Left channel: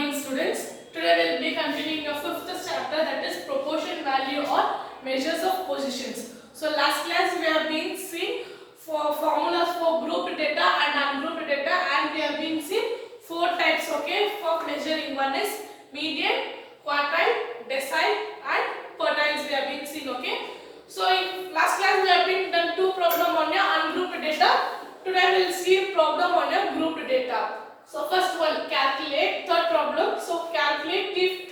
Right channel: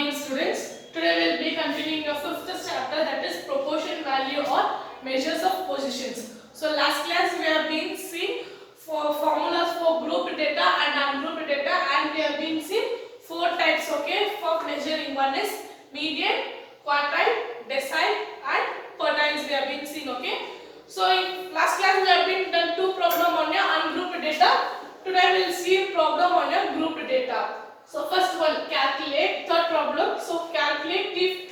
morning, students. Today we will be continuing your fifth chapter, that is proportion value or measures of positions. So last class we have been seeing for formulas for grouped data and ungrouped data, and we have been seeing four types, okay, for measuring. One is median, quartile, decile and pertiles we have been seeing, okay. So in last class we have been done two problem on your ungrouped data. Today we will see a problem on your grouped data. So first one, calculate. Third problem, so calculate the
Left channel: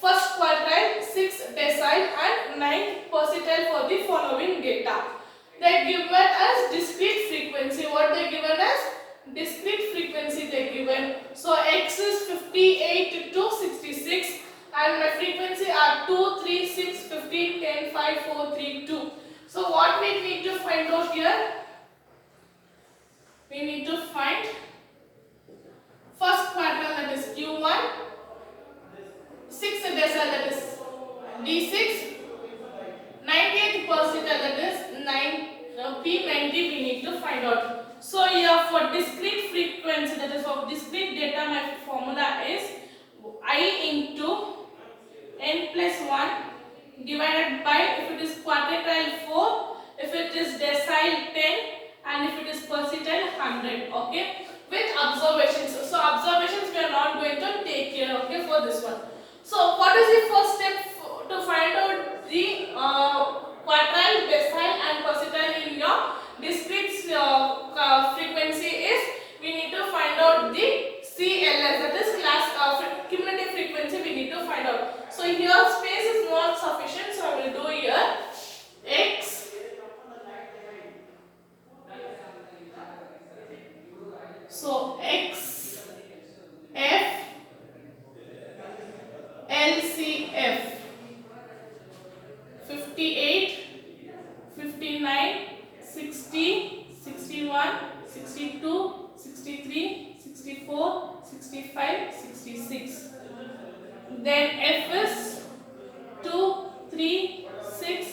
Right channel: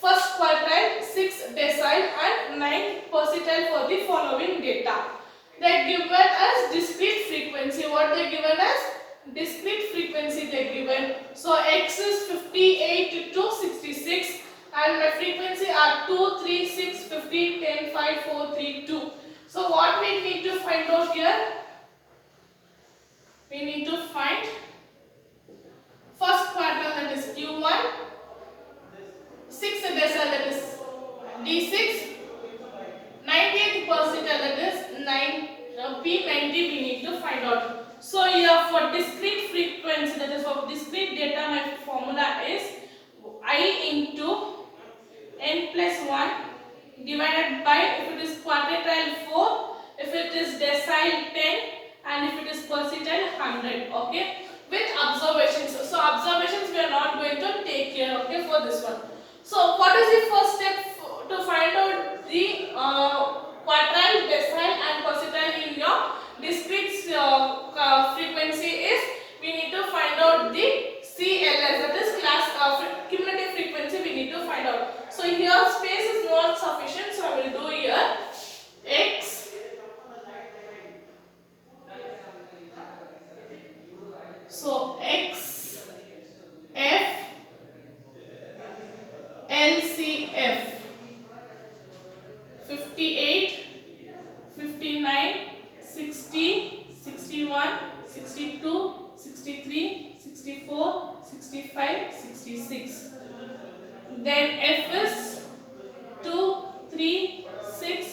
first quartile, 6 decile and 9 percentile for the following data. They given as discrete frequency. What they given as? Discrete frequency they given. So x is 58 to 66 and my frequency are 2, 3, 6, 15, 10, 5, 4, 3, 2. So what we need to find out here? We need to find first quartile, that is Q1, 6 decile, that is D6, 98th percentile, that is 9, P90 we need to find out. So here for discrete frequency, that is for discrete data, my formula is I into n plus 1 divided by, if it is quartile 4, if it is decile 10 and if it is percentile 100, okay, with observations. So observations we are not going to take care, okay, for this one. So what is the first step to find out the quartile, decile and percentile in your discrete frequency is we need to find out the CLS, that is class cumulative frequency we need to find out. So here space is not sufficient, so I will do here x so x f LCF 58, 59, 60, 61, 62, 63, 64, 65, 66. Then F is 2, 3, 6,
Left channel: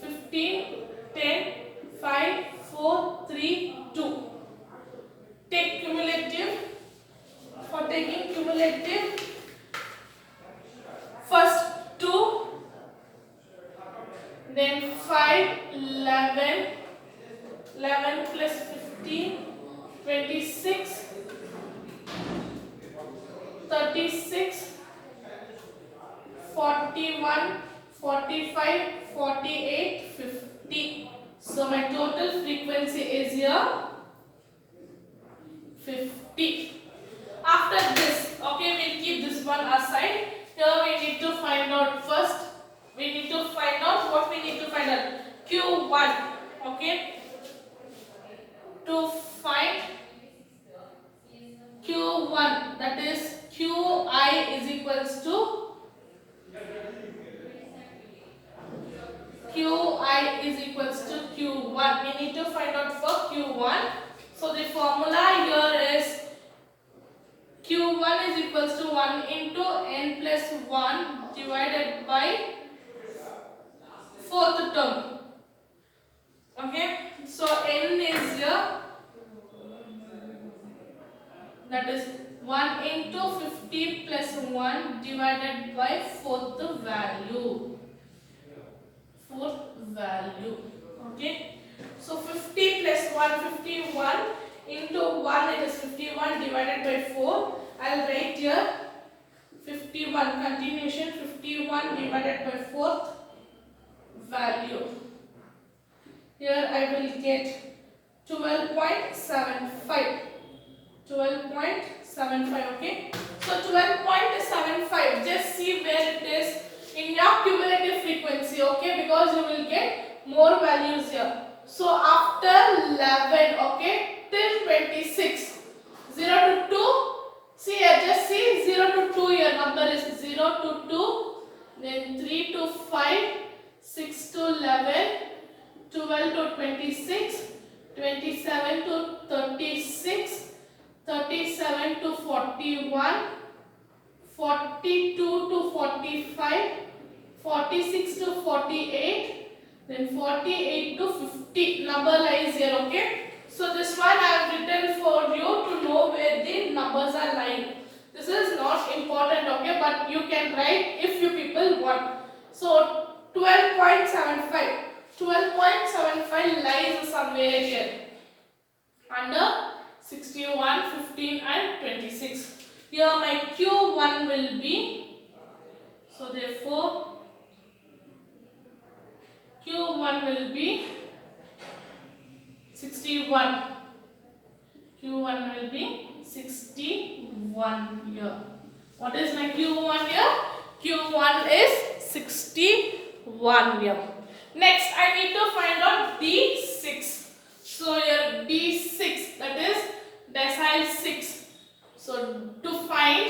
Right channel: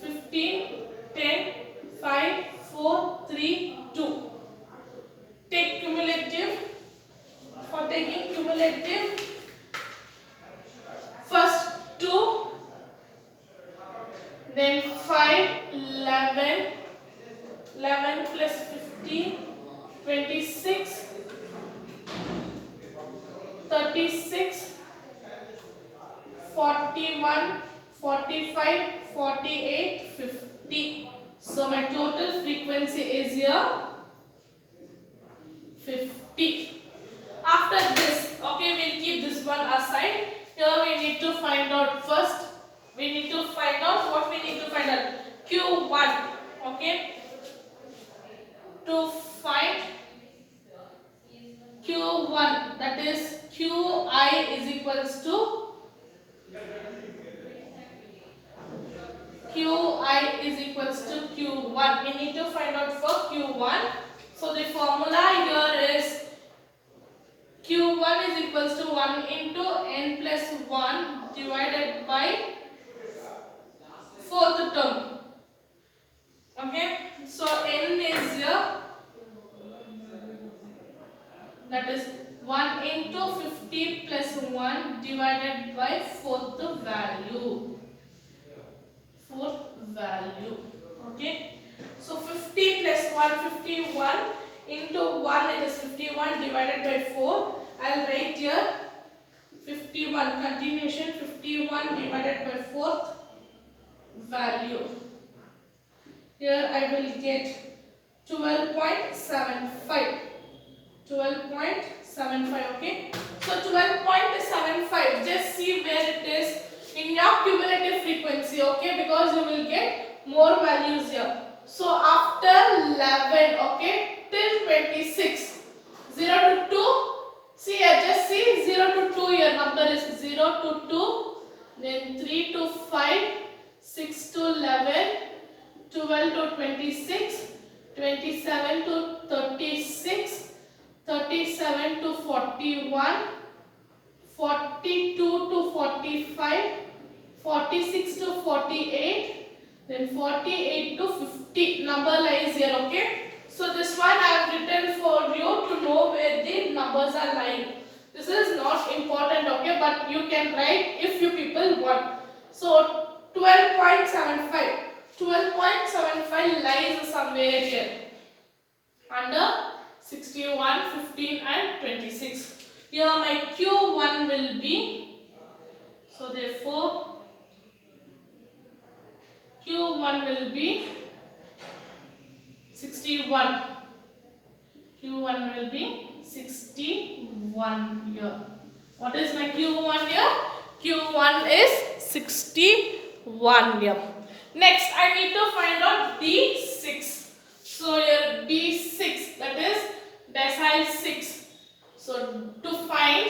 15, 10, 5, 4, 3, 2. Take cumulative. For taking cumulative, first 2, then 5, 11, 11 plus 15, 26, 36, 41, 45, 48, 50. So my total frequency is here 50. After this, okay, we'll keep this one aside. Here we need to find out first. We need to find out what we need to find out. Q1, okay. To find Q1, that is Qi is equals to Q1. We need to find out for Q1. So the formula here is Q1 is equals to 1 into n plus 1 divided by fourth term. Okay, so n is here, that is 1 into 50 plus 1 divided by fourth value. Okay, so 50 plus 1, 51 into 1, it is 51 divided by 4. I will write here 51, continuation 51 divided by fourth value. Here I will get 12.75. 12.75, okay. So 12.75, just see where it is in your cumulative frequency, okay, because you will get more values here. So after 11, okay, till 26, 0 to 2, see here, just see 0 to 2, your number is 0 to 2, then 3 to 5, 6 to 11, 12 to 26, 27 to 36, 37 to 41, 42 to 45, 46 to 48, then 48 to 50. Number lies here, okay. So this one I have written for you to know where the numbers are lying. This is not important, okay, but you can write if you people want. So 12.75. 12.75 lies somewhere here under 61, 15 and 26. Here my Q1 will be, so therefore Q1 will be 61. Q1 will be 61 here. What is my Q1 here? Q1 is 61 here. Next, I need to find out D6. So here D6, that is decile 6. So to find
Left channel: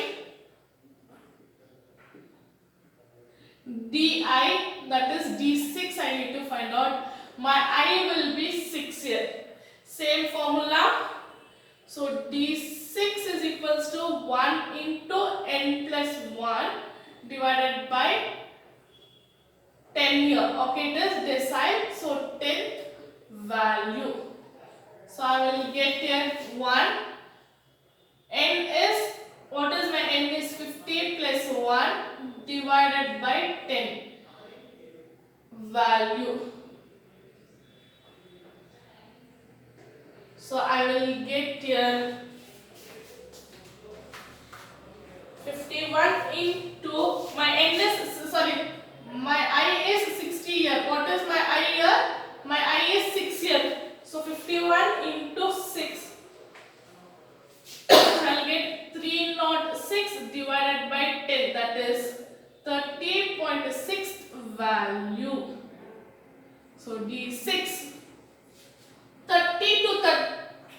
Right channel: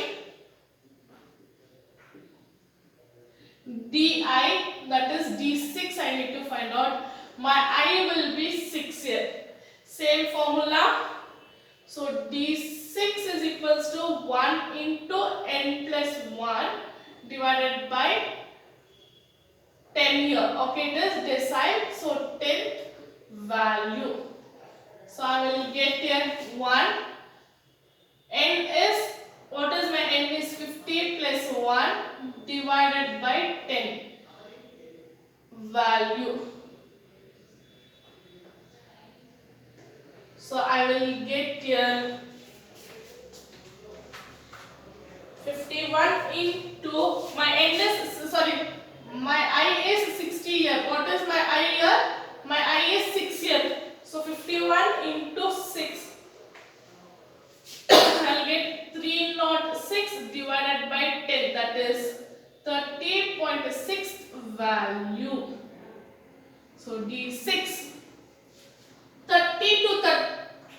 DI, that is D6, I need to find out. My I will be 6 here. Same formula. So D6 is equals to 1 into n plus 1 divided by 10 here. Okay, it is decile, so 10th value. So I will get here 1. N is, what is my n is 50 plus 1 divided by 10 value. So I will get here 51 into, my n is, sorry, my I is 60 here. What is my I here? My I is 6 here. So 51 into 6. I'll get 306 divided by 10. That is 30.6 value. So D6. 30 to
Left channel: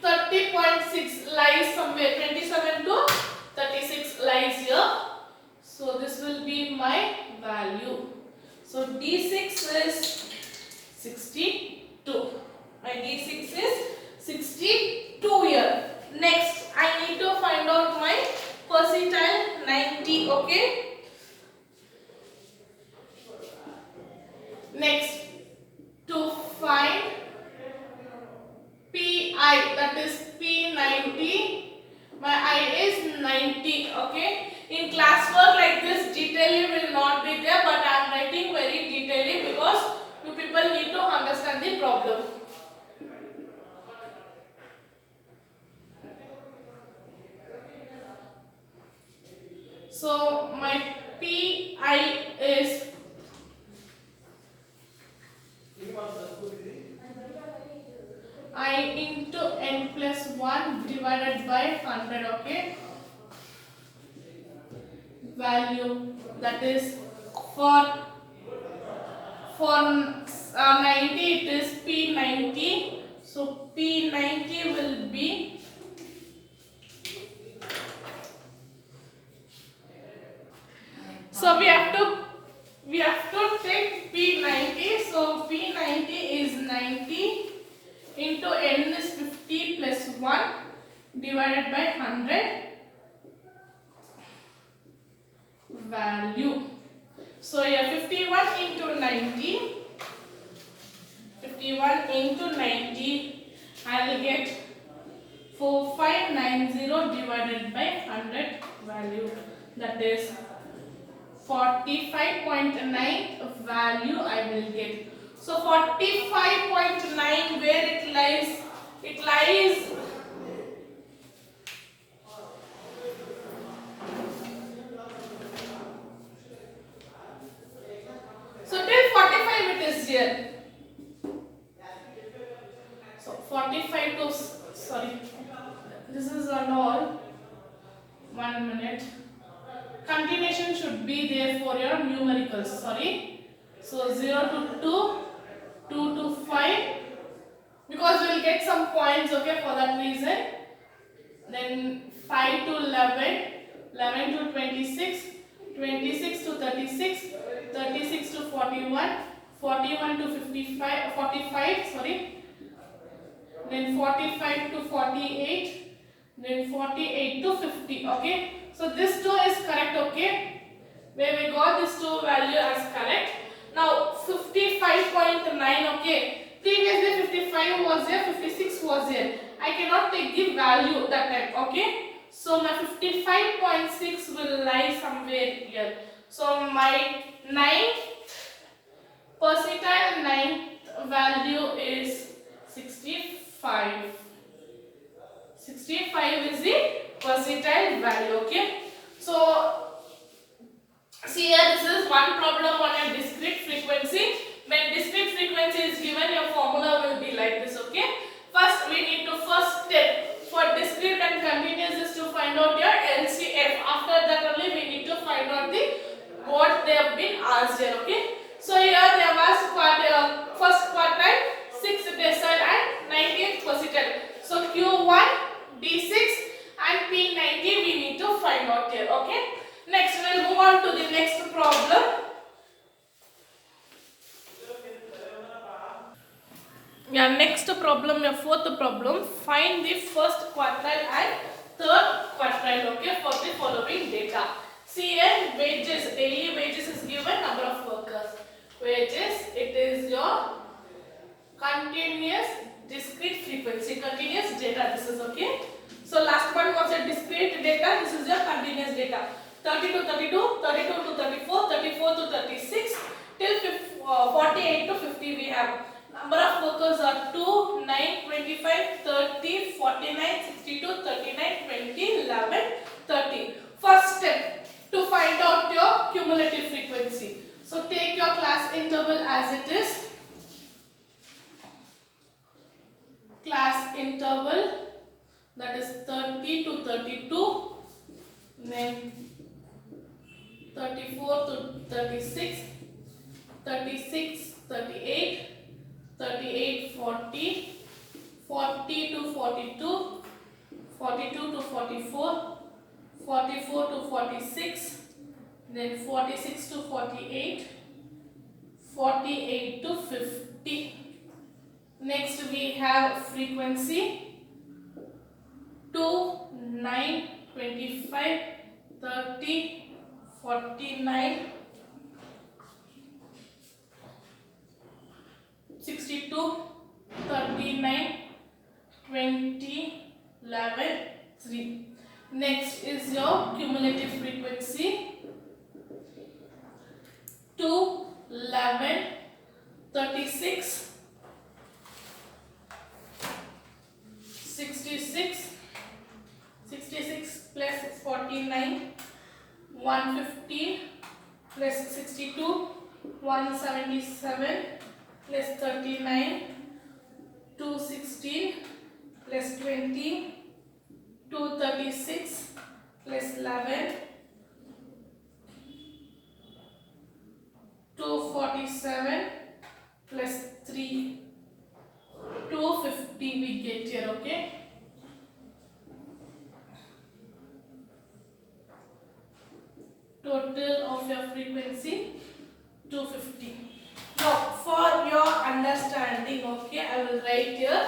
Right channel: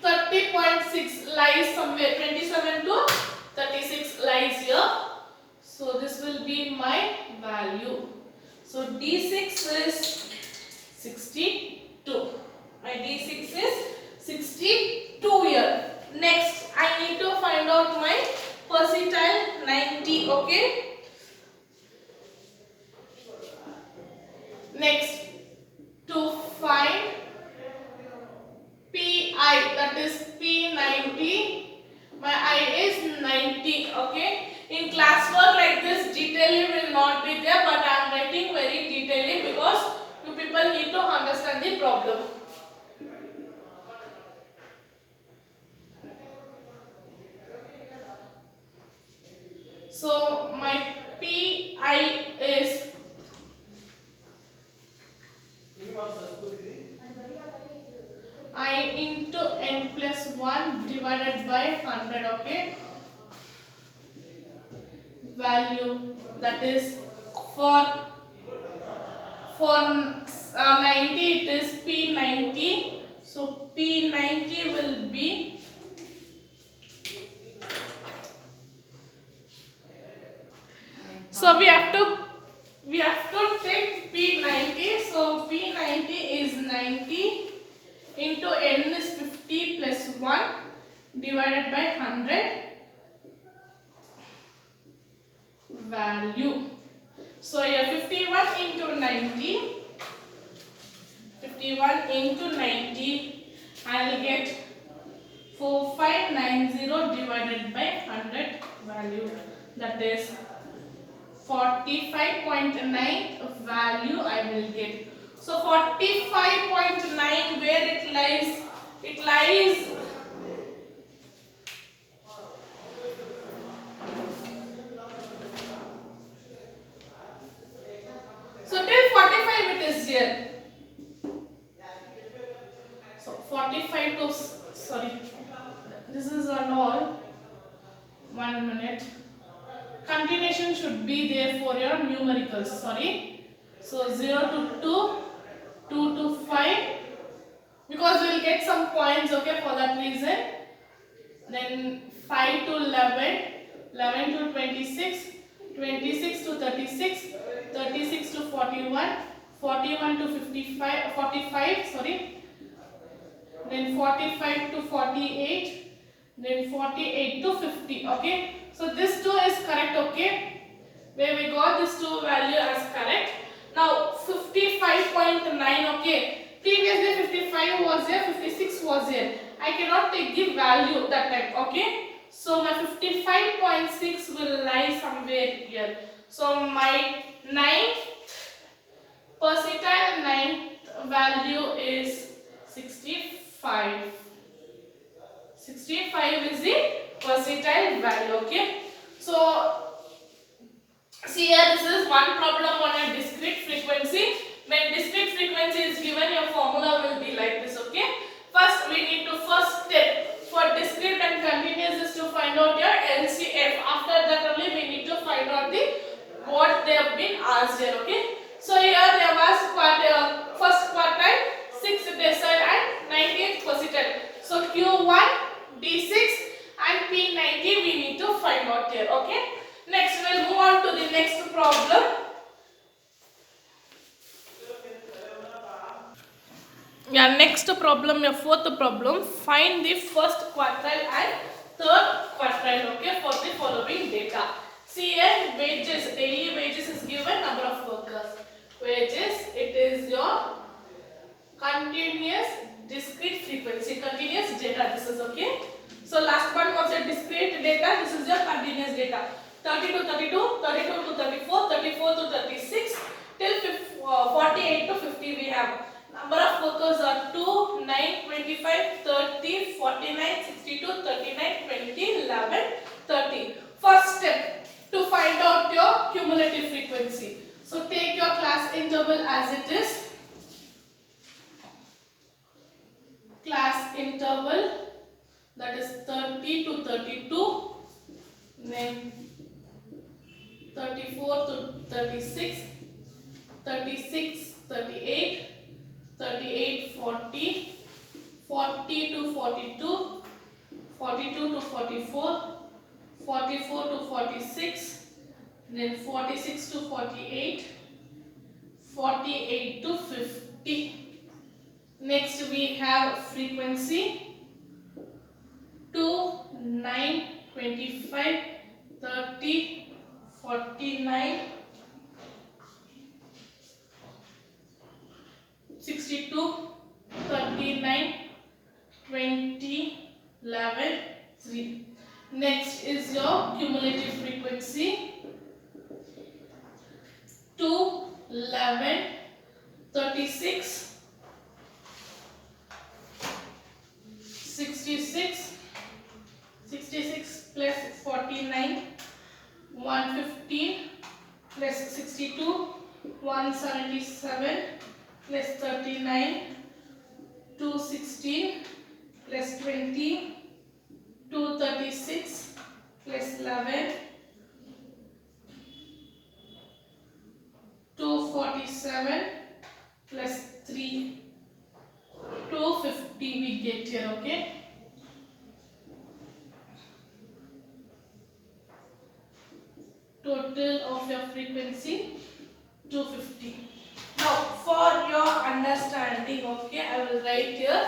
30.6 lies somewhere. 27 to 36 lies here. So this will be my value. So D6 is 62. My D6 is 62 here. Next, I need to find out my percentile 90. Okay. Next, to find PI, that is P90. My I is 90. Okay. In classwork like this, detailing will not be there, but I am writing very detailing because you people need to understand the problem. So my PI is I into n plus 1 divided by 100, okay? Value, that is for 90 it is P90. So P90 will be we have to take P90. So P90 is 90 into n is 50 plus 1 divided by 100 value. So here 51 into 90, 51 into 90, I will get 4590 divided by 100 value, that is 45.9 value I will get. So 45.9, where it lies? It lies so till 45 it is here. So 45 to, sorry, this is all. 1 minute. Continuation should be there for your numericals. Sorry. So 0 to 2, 2 to 5, because we will get some points, okay, for that reason. Then 5 to 11, 11 to 26, 26 to 36, 36 to 41, 41 to 55, 45, sorry. Then 45 to 48, then 48 to 50, okay. So this 2 is correct, okay. Where we got this 2 value as correct. Now 55.9, okay. Previously 55 was there, 56 was there. I cannot take the value that time, okay. So my 55.6 will lie somewhere here. So my ninth percentile value is 65. 65 is the percentile value. Okay. So see here, this is one problem on a discrete frequency. When discrete frequency is given, your formula will be like this. Okay. First, we need to first step for discrete and continuous is to find out your LCF. After that only we need to find out the what they have been asked here. Okay. So here they have asked first quartile, 6th decile and 19th percentile. So Q1, D6 and P90 we need to find out here. Okay. Next, we'll move on to the next problem. Yeah, next problem, your fourth problem. Find the first quartile and third quartile, okay, for the following data. See here, wages, daily wages is given, number of workers. Wages, it is your continuous discrete frequency, continuous data, this is okay. So last one was a discrete data, this is your continuous data. 30 to 32, 32 to 34, 34 to 36, till 48 to 50 we have. Number of workers are 2, 9, 25, 30, 49, 62, 39, 20, 11, 30. First step to find out your cumulative frequency. So take your class interval as it is. Class interval, that is 30 to 32, then 34 to 36, 36, 38, 38, 40, 40 to 42, 42 to 44, 44 to 46, then 46 to 48, 48 to 50. Next we have frequency 2, 9, 25, 30, 49, 62, 39, 20, 11, 3. Next is your cumulative frequency 2, 11, 36, 66, 66 plus 49, 115 plus 62, 177 plus 39, 216 plus 20, 236 plus 11, 247 plus 3, 250 we get here, okay? Total of your frequency 250. Now for your understanding, okay, I will write here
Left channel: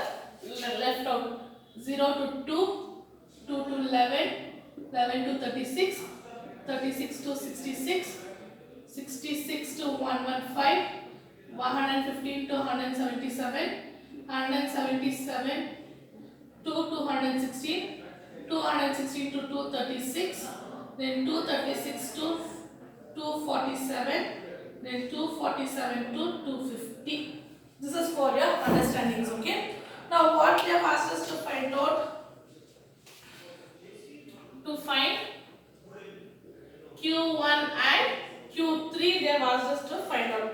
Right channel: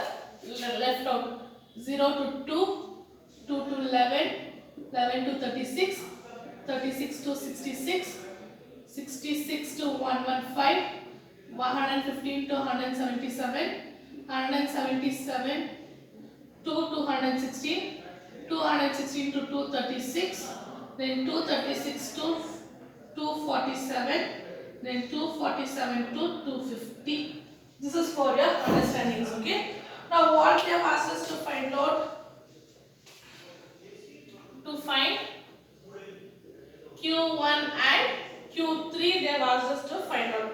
left out 0 to 2, 2 to 11, 11 to 36, 36 to 66, 66 to 115, 115 to 177, 177 to 216, 216 to 236, then 236 to 247, then 247 to 250. This is for your understandings, okay? Now what they have asked us to find out, to find Q1 and Q3, they have asked us to find out.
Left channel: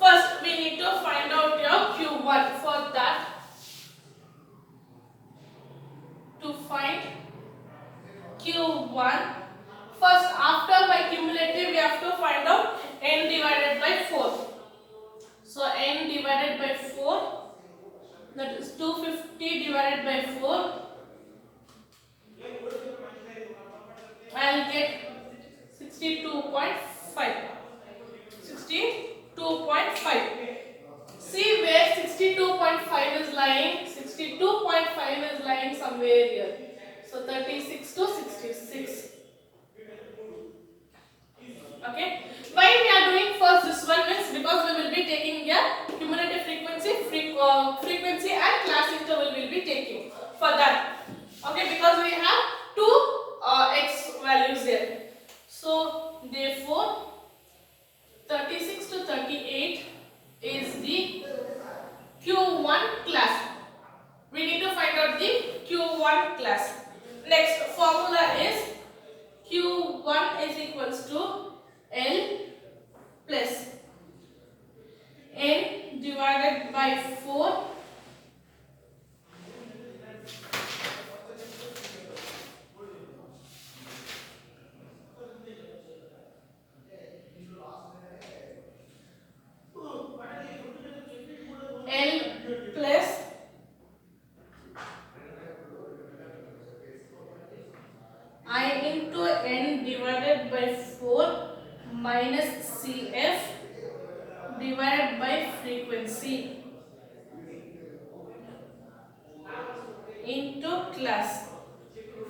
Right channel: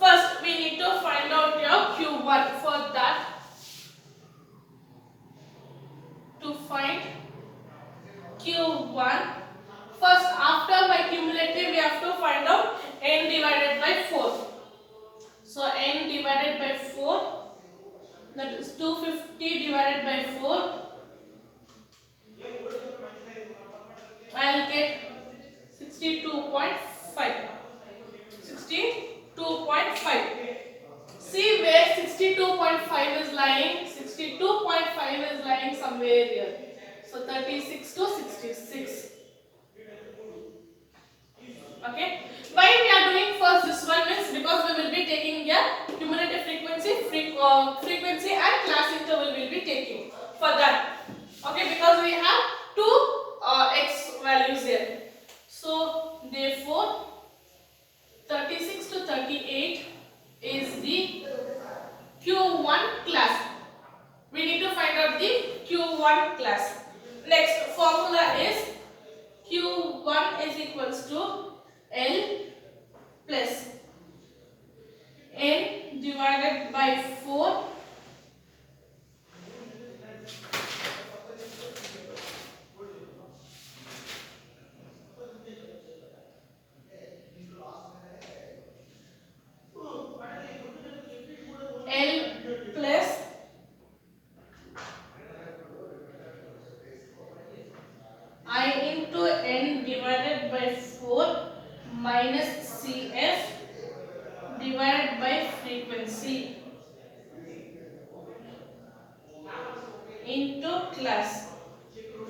First we need to find out your Q1. For that, to find Q1, first after my cumulative we have to find out n divided by 4. So n divided by 4, that is 250 divided by 4. I will get 62.5. 62.5. See where 62.5 is lying. 62.5 is lying somewhere here. So 36 to 66. Okay. Why we are doing first this one means because we will be taking a cumulative frequency and class interval will be taking for that. Okay, because we have two x values there. So therefore 36 to 38 is the Q1 class. We need to find out the Q1 class. Next formula is Q1 is equals to L plus N divided by 4 L plus I into N divided by 4 minus CF divided by frequency into class.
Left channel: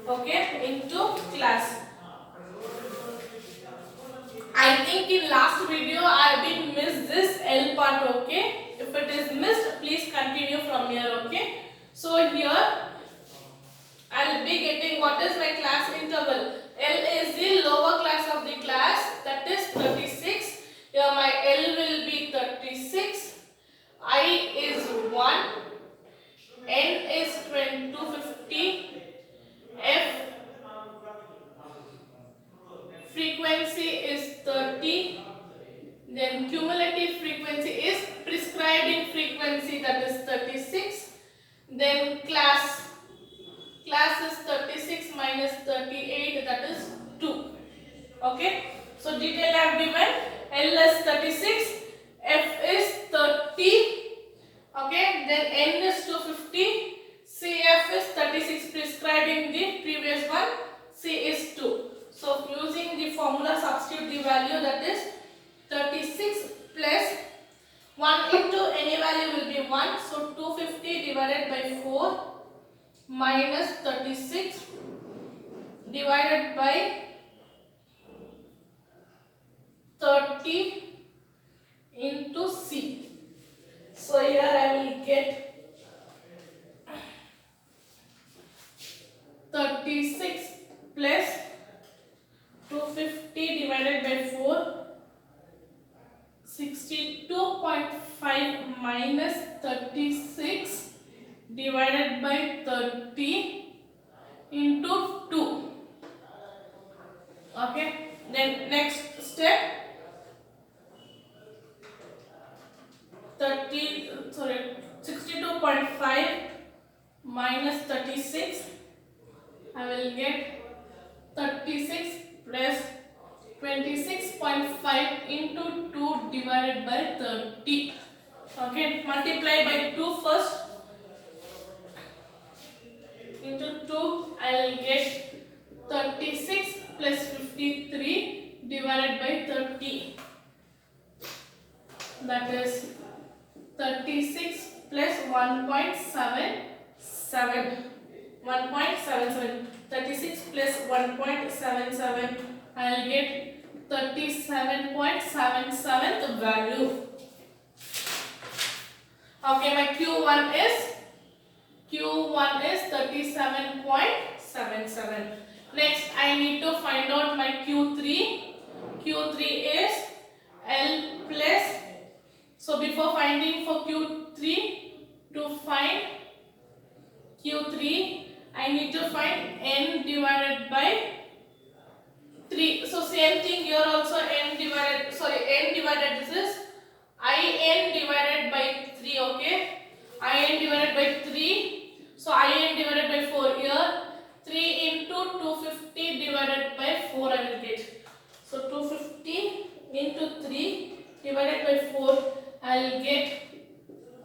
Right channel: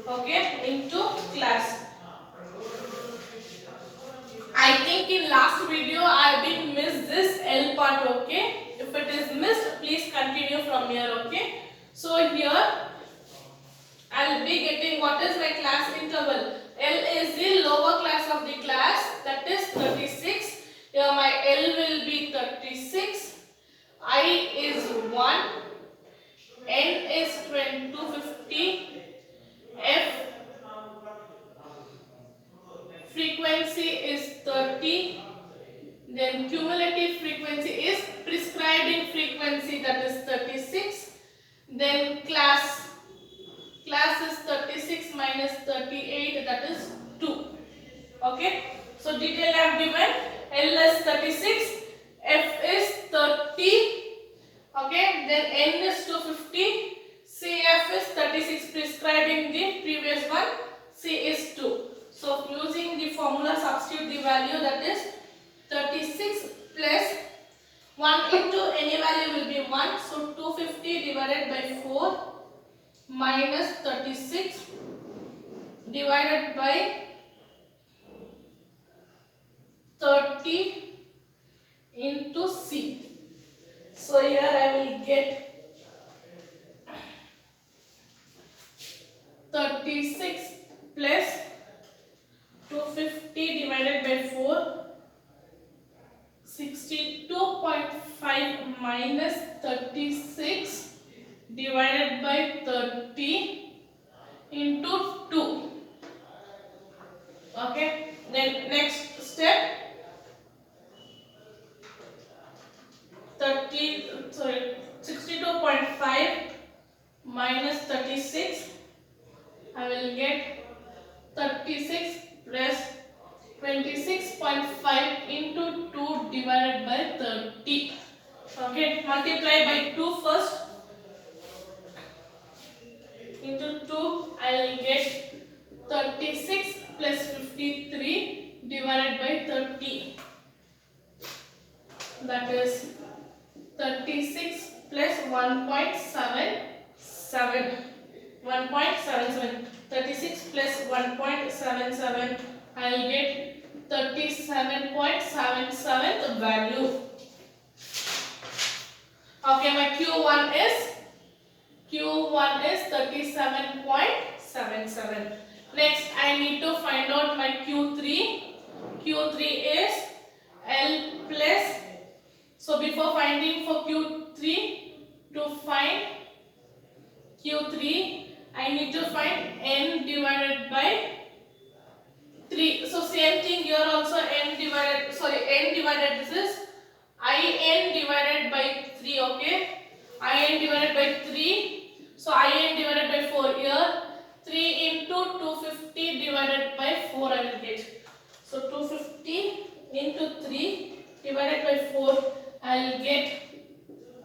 Okay, into class. I think in last video I have been missed this L part. Okay, if it is missed, please continue from here. Okay, so here I'll be getting what is my class interval. L is the lower class of the class, that is 36. Here my L will be 36. I is 1. N is 250. F frequency is 30. Then cumulative frequency is prescribing frequency, that is 36. Then class is 36 minus 38, that is 2. Okay, so detail I have given. L is 36, F is 30. Okay, then N is 250, CF is 36, prescribing the previous one. C is 2. So using the formula, substitute the value, that is 36 plus 1 into any value will be 1. So 250 divided by 4 minus 36 divided by 30 into C. So here I will get 36 plus 250 divided by 4, 62.5 minus 36 divided by 30 into 2. Okay, then next step, 62.5 minus 36, I will get 36 plus 26.5 into 2 divided by 30. Okay, multiply by 2 first. Into 2, I will get 36 plus 53 divided by 30. That is 36 plus 1.77. 36 plus 1.77, I will get 37.77 the value. Okay, my Q1 is 37.77. Next, I need to find out my Q3. Q3 is L plus. So before finding for Q3, to find Q3, I need to find N divided by 3. So same thing here also, N divided, this is IN divided by 3, okay? IN divided by 3. So IN divided by 4 here. 3 into 250 divided by 4 I will get. So 250 into 3 divided by 4 I will get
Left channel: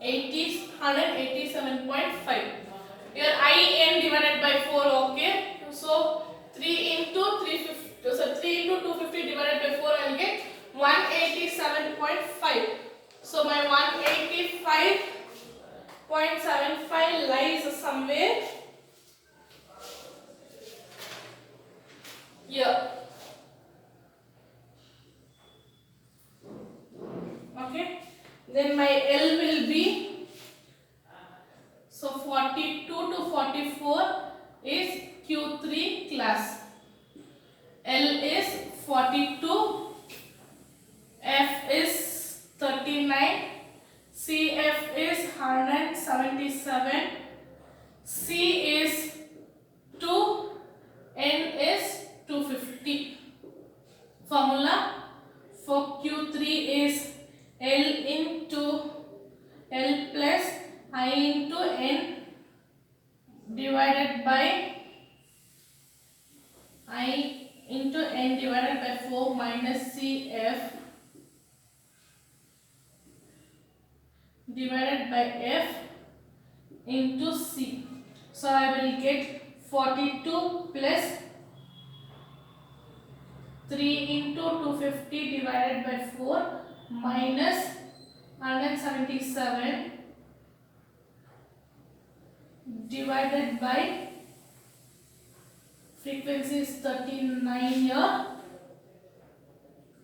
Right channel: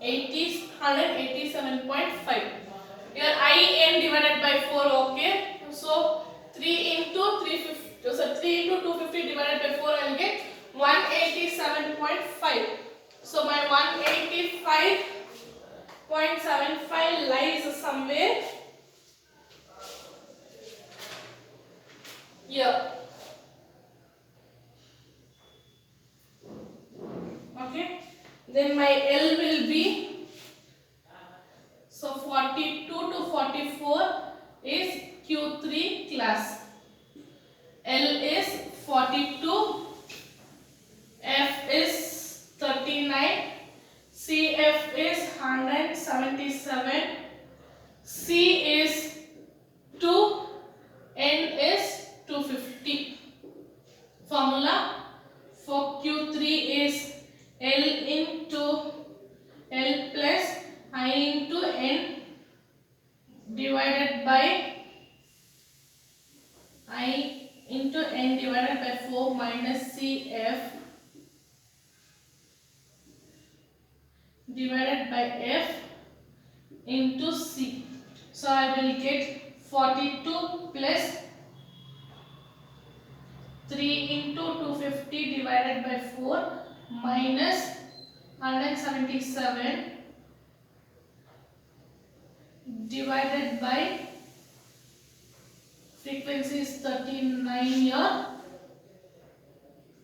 187.5. Here IN divided by 4, okay? So 3 into 350. So 3 into 250 divided by 4 I will get 187.5. So my 185.75 lies somewhere here. Okay. Then my L will be, so 42 to 44 is Q3 177, C is 2, N is 250. Formula for Q3 is L into L plus I into N divided by I into N divided by 4 minus CF divided by F into C. So I will get 42 plus 3 into 250 divided by 4 minus 177 divided by frequency is 39 here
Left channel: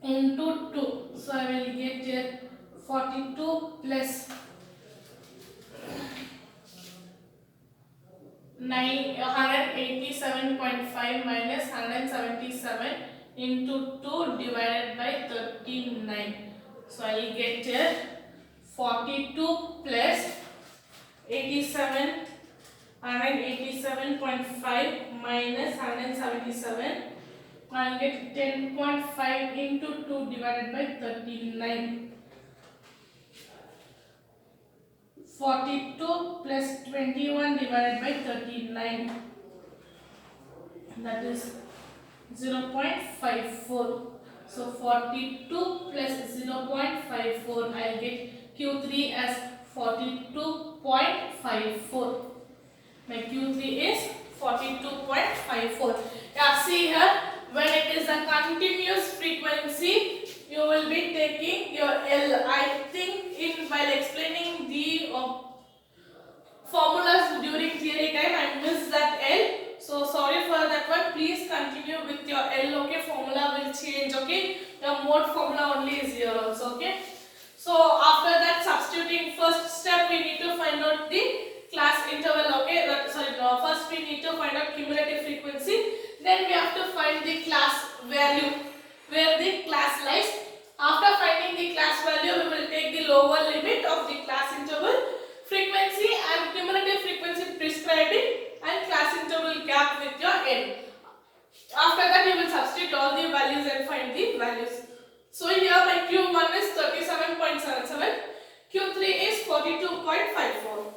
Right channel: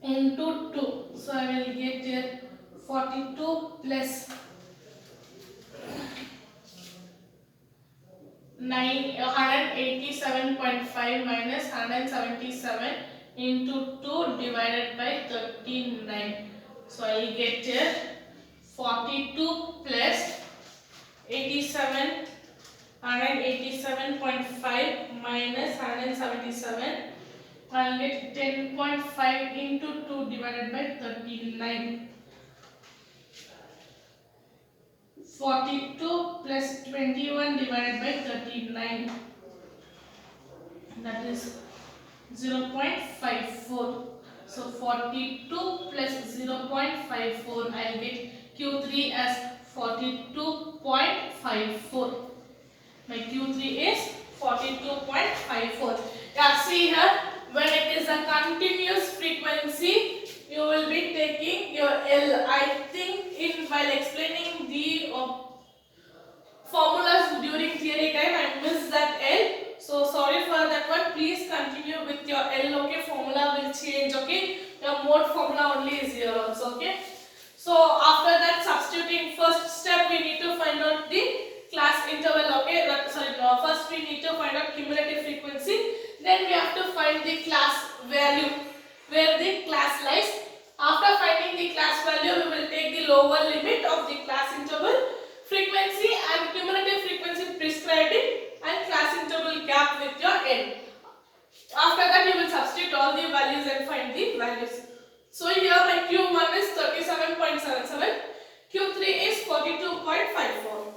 into 2. So I will get here 42 plus 187.5 minus 177 into 2 divided by 39. So I will get here 42 plus 187.5 minus 177. I will get 10.5 into 2 divided by 39. 42 plus 21 divided by 39, that is 0.54. So 42 plus 0.54, I get Q3 as 42.54. My Q3 is 42.54. Yeah, see here, when it is a continuous frequency, you will be taking your L. I think while explaining the formulas during theory time, I missed that L. So sorry for that one. Please continue with your L. Okay, formula will change. Okay, your mode formula only is here also. Okay. So after that, substituting first step, we need to find out the class interval. Okay, first we need to find out cumulative frequency. Then we have to find the class value, where the class lies. After finding the class value, we will take the lower limit of the class interval, frequency and cumulative frequency prescribing, and class interval gap with your N. After that, you will substitute all the values and find the values. So here my Q1 is 37.77, Q3 is 42.54.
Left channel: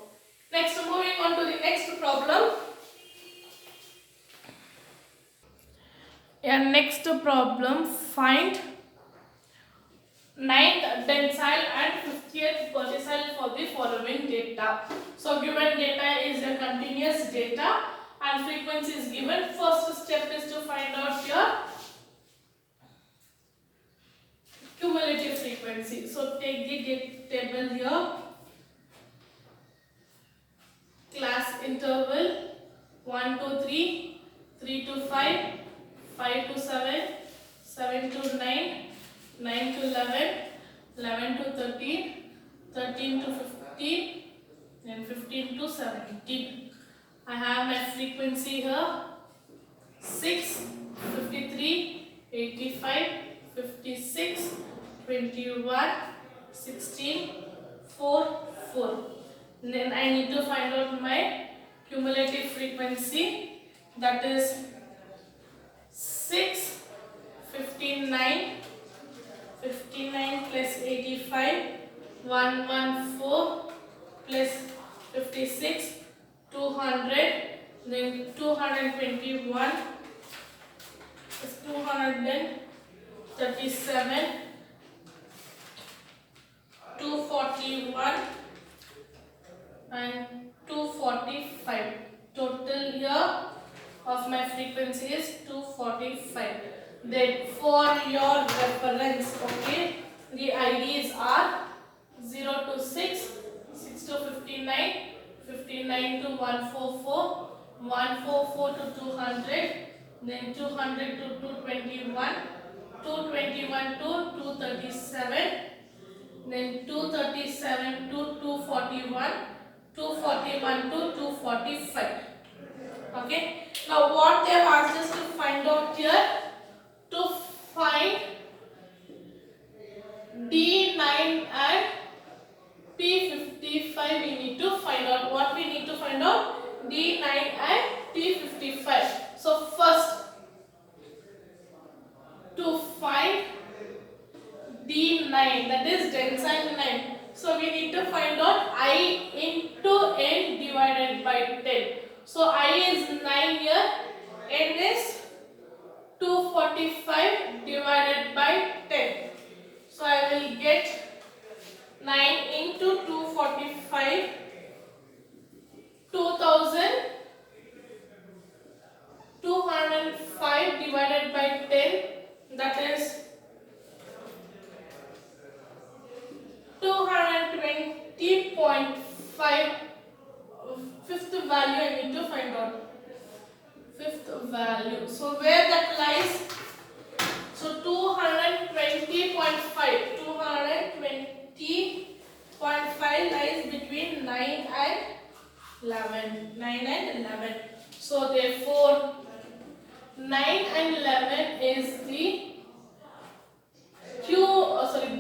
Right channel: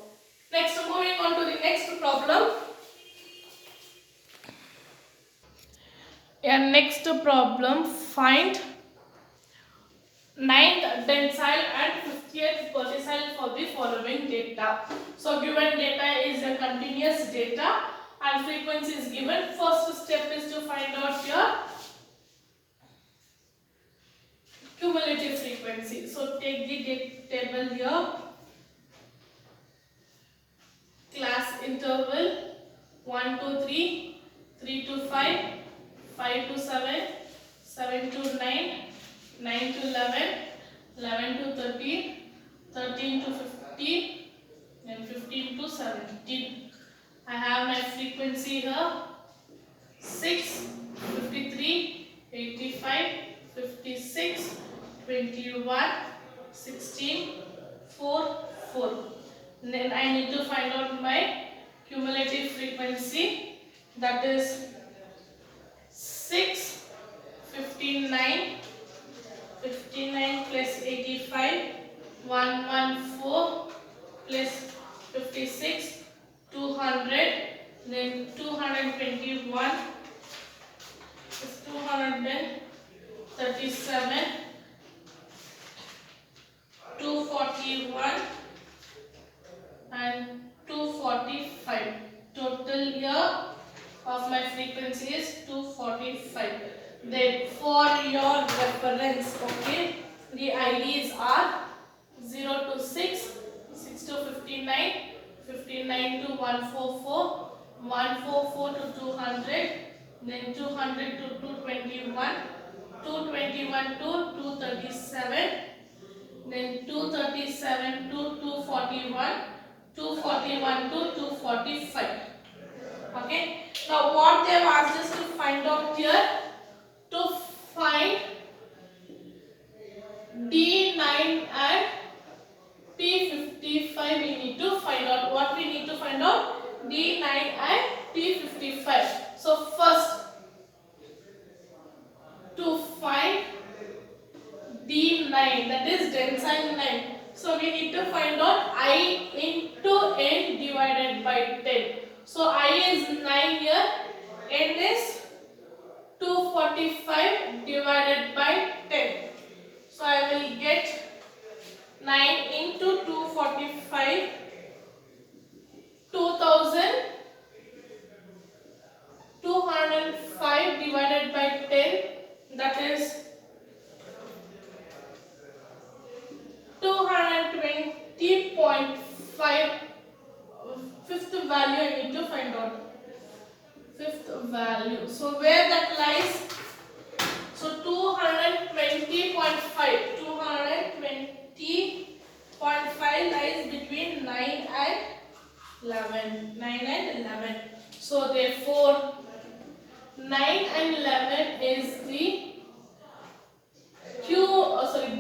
Next, moving on to the next problem. Yeah, next problem, find 9th decile and 50th percentile for the following data. So given data is a continuous data and frequency is given. First step is to find out your cumulative frequency. So take the table here. Class interval 1 to 3, 3 to 5, 5 to 7, 7 to 9, 9 to 11, 11 to 13, 13 to 15, then 15 to 17. I have my frequency here 6, 53, 85, 56, 21, 16, 4, 4. And then I need to find out my cumulative frequency, that is 6, 59, 59 plus 85, 114 plus 56, 200, then 221 is 237, 241 and 245. Total here of my frequency is 245. Then for your reference, okay, the IDs are 0 to 6, 6 to 59, 59 to 144, 144 to 200, then 200 to 221, 221 to 237, then 237 to 241, 241 to 245. Okay. Now what they have asked us to find out here, to find D9 and P50 T55 we need to find out. What we need to find out? D9 and T55. So first, to find D9, that is tensile 9. So we need to find out I into N divided by 10. So I is 9 here, N is 245 divided by 10. So I will get 9 into 245, 2205 divided by 10, that is 220.5. Fifth value I need to find out. Fifth value. So where that lies? So 220.5. 220.5 lies between 9 and 11. 9 and 11. So therefore 9 and 11 is the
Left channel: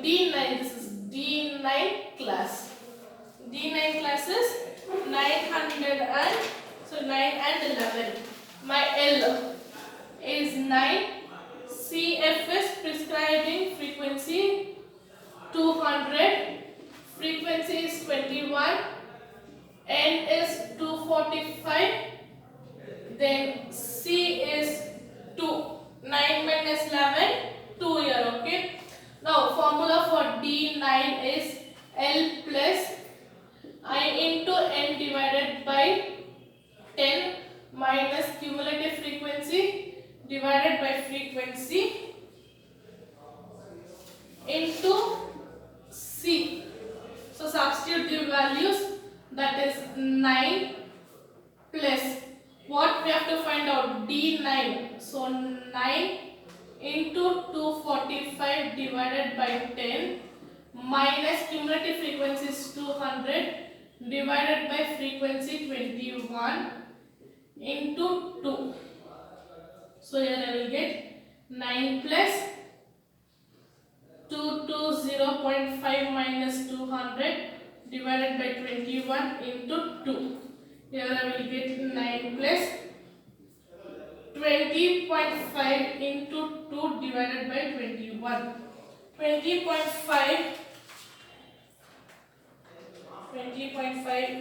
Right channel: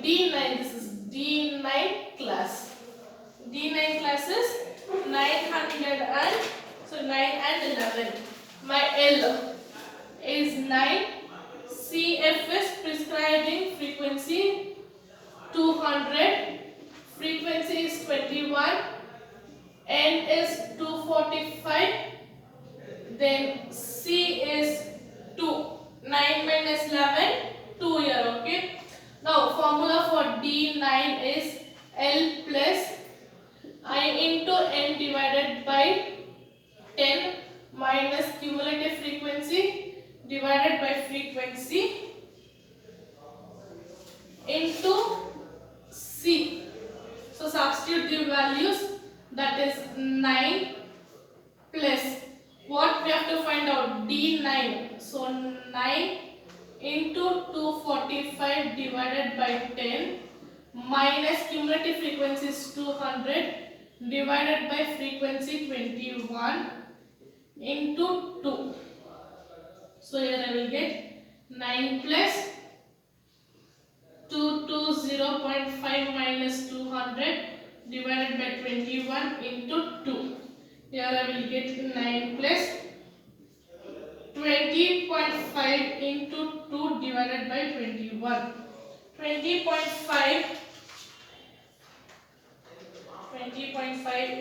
D9. This is D9 class. D9 class is 900 and 9 and 11. My L is 9. CF is prescribing frequency 200. Frequency is 21. N is 245. Then C is 2. 9 minus 11, 2 here. Okay. Now formula for D9 is L plus I into N divided by 10 minus cumulative frequency divided by frequency into C. So substitute the values, that is 9 plus what we have to find out, D9. So 9 into 245 divided by 10 minus cumulative frequency is 200 divided by frequency 21 into 2. So here I will get 9 plus 220.5 minus 200 divided by 21 into 2. Here I will get 9 plus 20.5 into 2 divided by 21. 20.5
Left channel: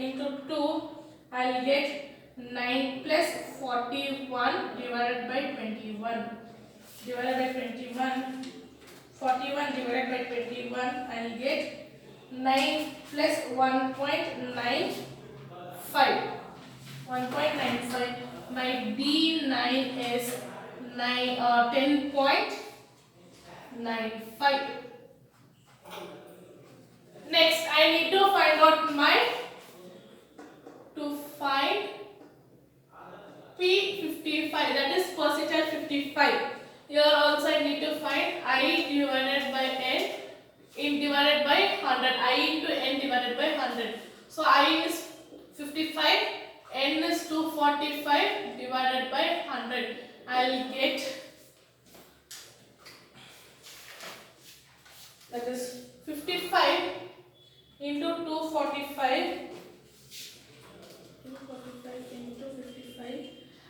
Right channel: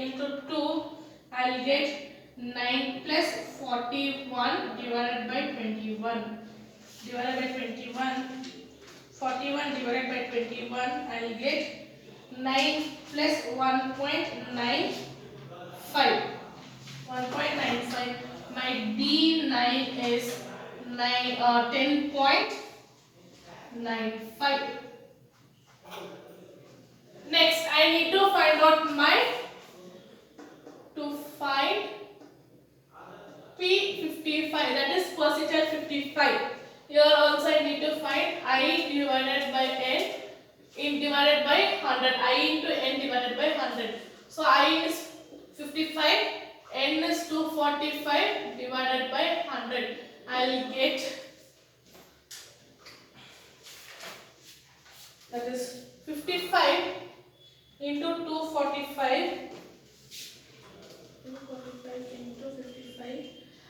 into 2, I will get 9 plus 41 divided by 21. Divided by 21. 41 divided by 21, I will get 9 plus 1.95. 1.95. My D9 is 10.95. Next, I need to find out find P55, that is percentile 55. Here also I need to find I divided by N divided by 100. I into N divided by 100. So I is 55, N is 245 divided by 100. I will get, that is 55 into 245. 245 into 55.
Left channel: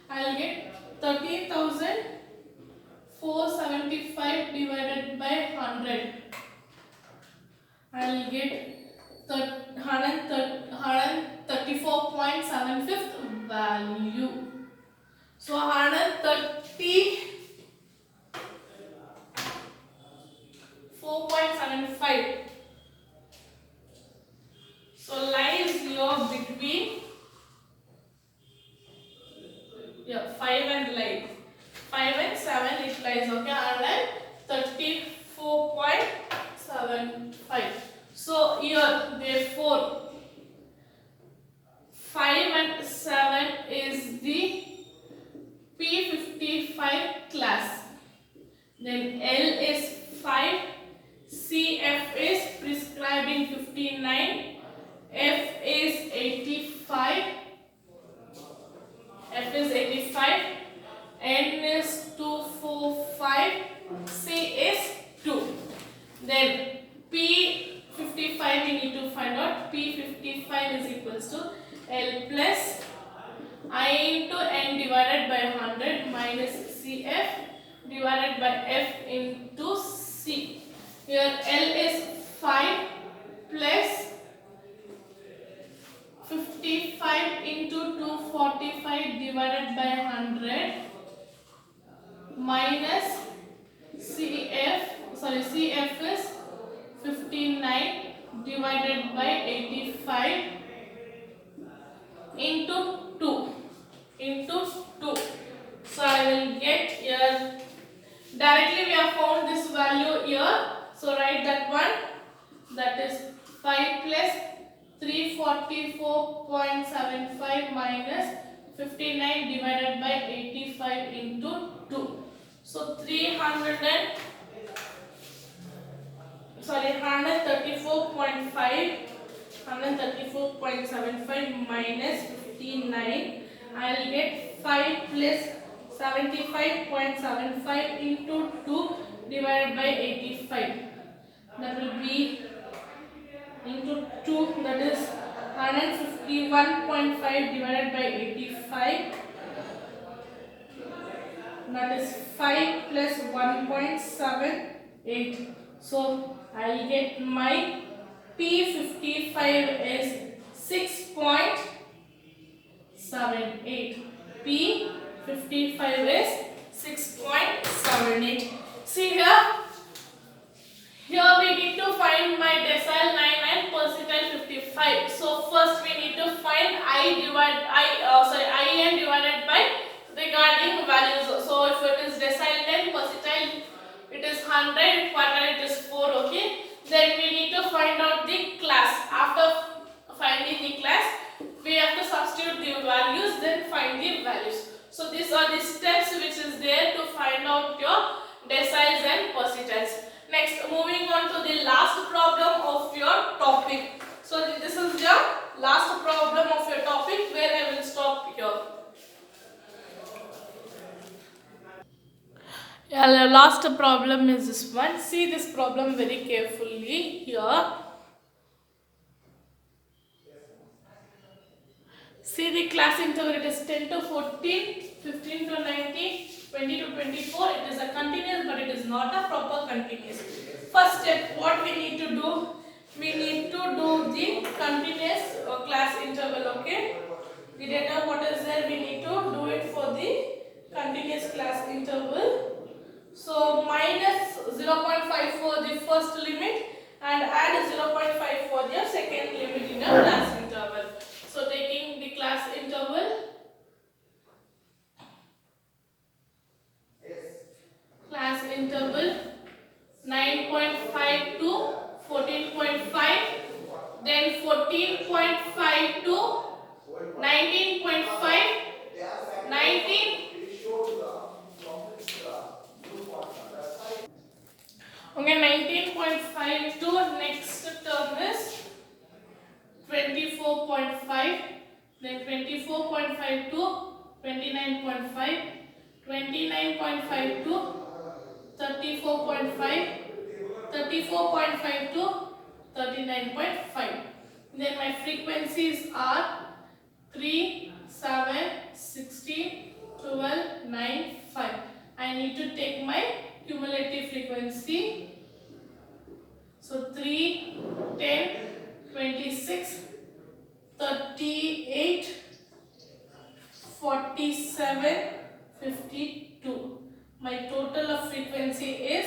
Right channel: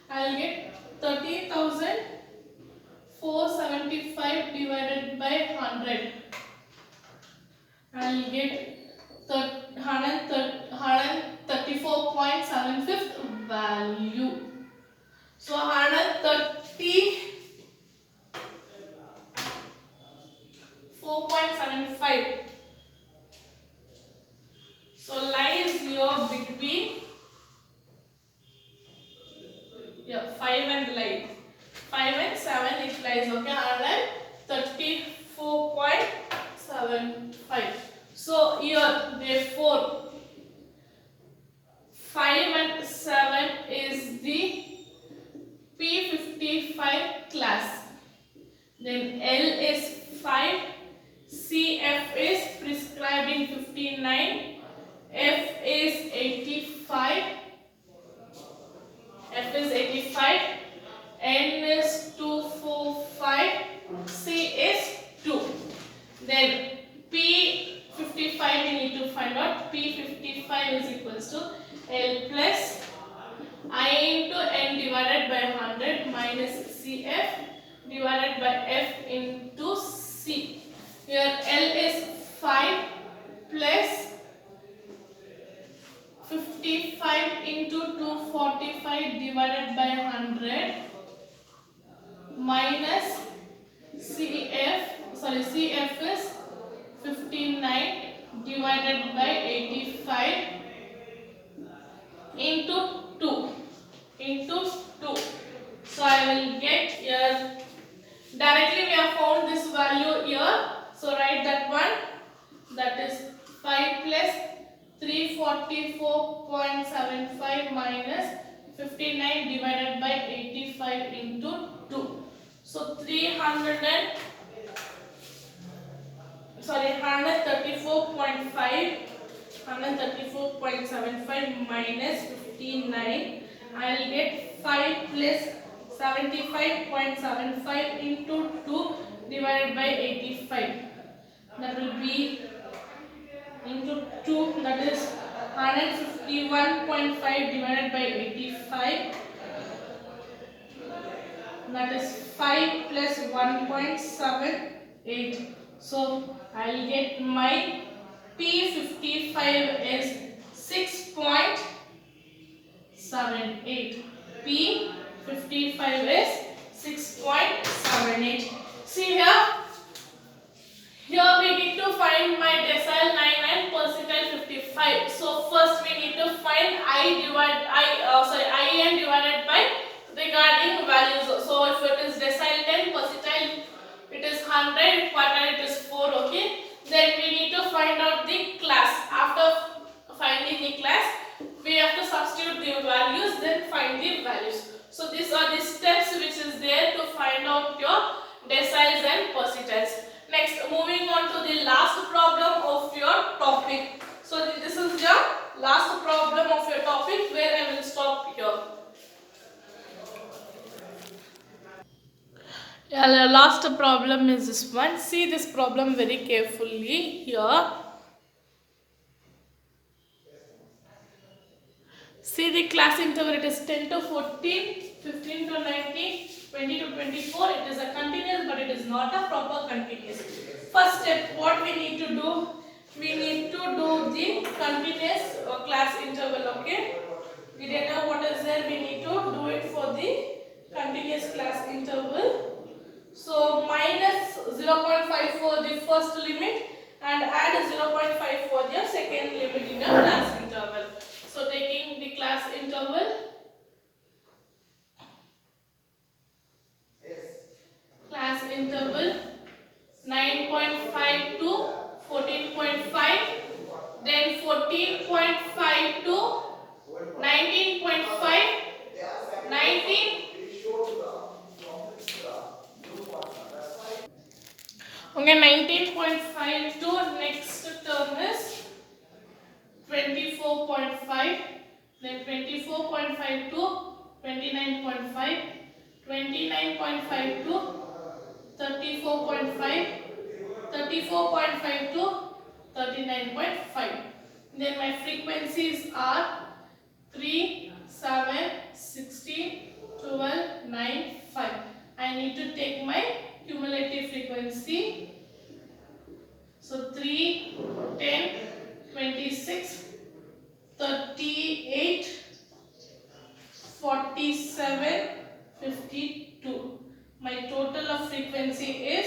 I will get 13,475 divided by 100. I will get 134.75 value. So 134.75. So line is here between 5 and 7 it lies, okay, and 34.75. So here therefore 5 and 7 is the 59 is equals to L plus I into N divided by 100 minus CF divided by F into C. Here L is 5 plus 55 into 245 divided by 100 minus CF is 59 divided by 85 into 2. So I will get here, directly we have found this value here, so write that one, that is 5 plus 344.75 minus 59 divided by 85 into 2. So 134.75 minus 59, I will get 5 plus 75.75 into 2 divided by 85. That will be into 2, that is 151.5 divided by 85. That is 5 plus 1.78. So I will get my P55 is 6.78. P55 is 6.78. See here. Here we need to find my decile 9 and percentile 55. So first we need to find I n divided by regarding values. So if it is decile 10, percentile it is 100, quartile it is 4. Okay. Then we need to find out the class. After finding the class, we have to substitute the values, then find the values. So these are the steps which is there to find out your deciles and percentiles. Next, moving on to the last problem of your topic. So this is the last problem of your topic where I will stop here. Yeah, the last problem is this one. See this problem very carefully here. See the class interval, it is 10 to 14, 15 to 19, 20 to 24. It is a continuous, but it is not a proper continuous. First step, what we need to do? We need to do the continuous class interval, okay? The data what is there, we need to do it for the continuous class interval. So minus 0.5 for the first limit and add 0.5 for the second limit in the class interval. So taking the class interval, class interval 9.5 to 14.5, then 14.5 to 19.5, 19. Okay, 19.5 to next term is 24.5, then 24.5 to 29.5, 29.5 to 34.5, 34.5 to 39.5. Then my frequencies are 3, 7, 16, 12, 9, 5. I need to take my cumulative frequency. So 3, 10, 26, 38, 47, 52. My total of frequency is